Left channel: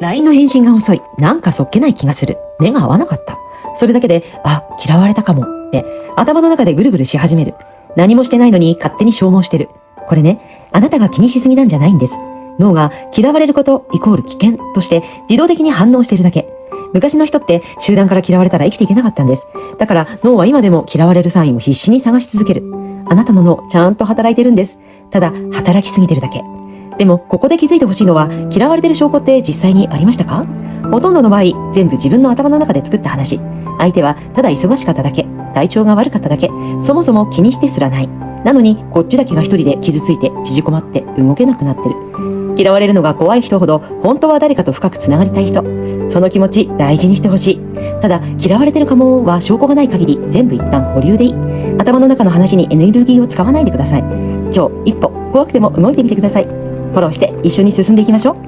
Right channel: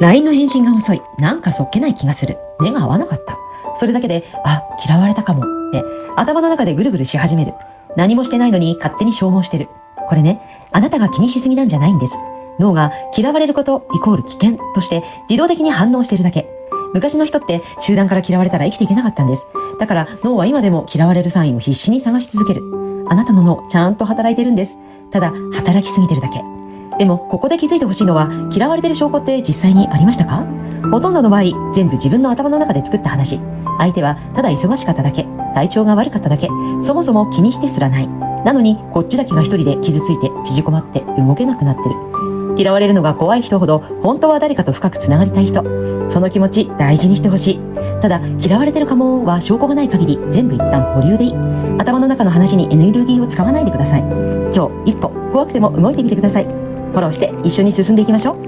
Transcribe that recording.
LINE の返信が遅い。なんかそっけない気がする。目が合わなかった。それだけで、あ、嫌われたかも。って頭の中でぐるぐるし始める。何もしてないのに勝手に消耗してる。これね、あなたが気にしすぎなんじゃないんです。脳が嫌われることイコール危険として自動的に反応しているだけ。昔の人って集団から嫌われたら生きていけなかったんです。だから脳は今でも嫌われるサインを必死に探し続ける。あなたの脳ちゃんと働いてるんです。ただ働きすぎてるだけ。でもここで気づいてほしいのは、嫌われてる証拠って実際にありましたか？ほとんどの場合全部自分の頭の中で作った話。相手はただ忙しかっただけ、体調が悪かっただけ、そもそも気にしてすらない。なのにこっちだけが一人で傷ついて縮こまって動けなくなってる。嫌われるのが怖い人ほど本当は誰かと深くつながりたい人。その気持ち大事にしてほしい。ただ嫌われてるかもは証拠がない限り全部一旦保留でいい。頭の中の話にエネルギーを使わないでください。今日一歩怖くても動いてみてください。フォローして一緒に進んでいきましょう。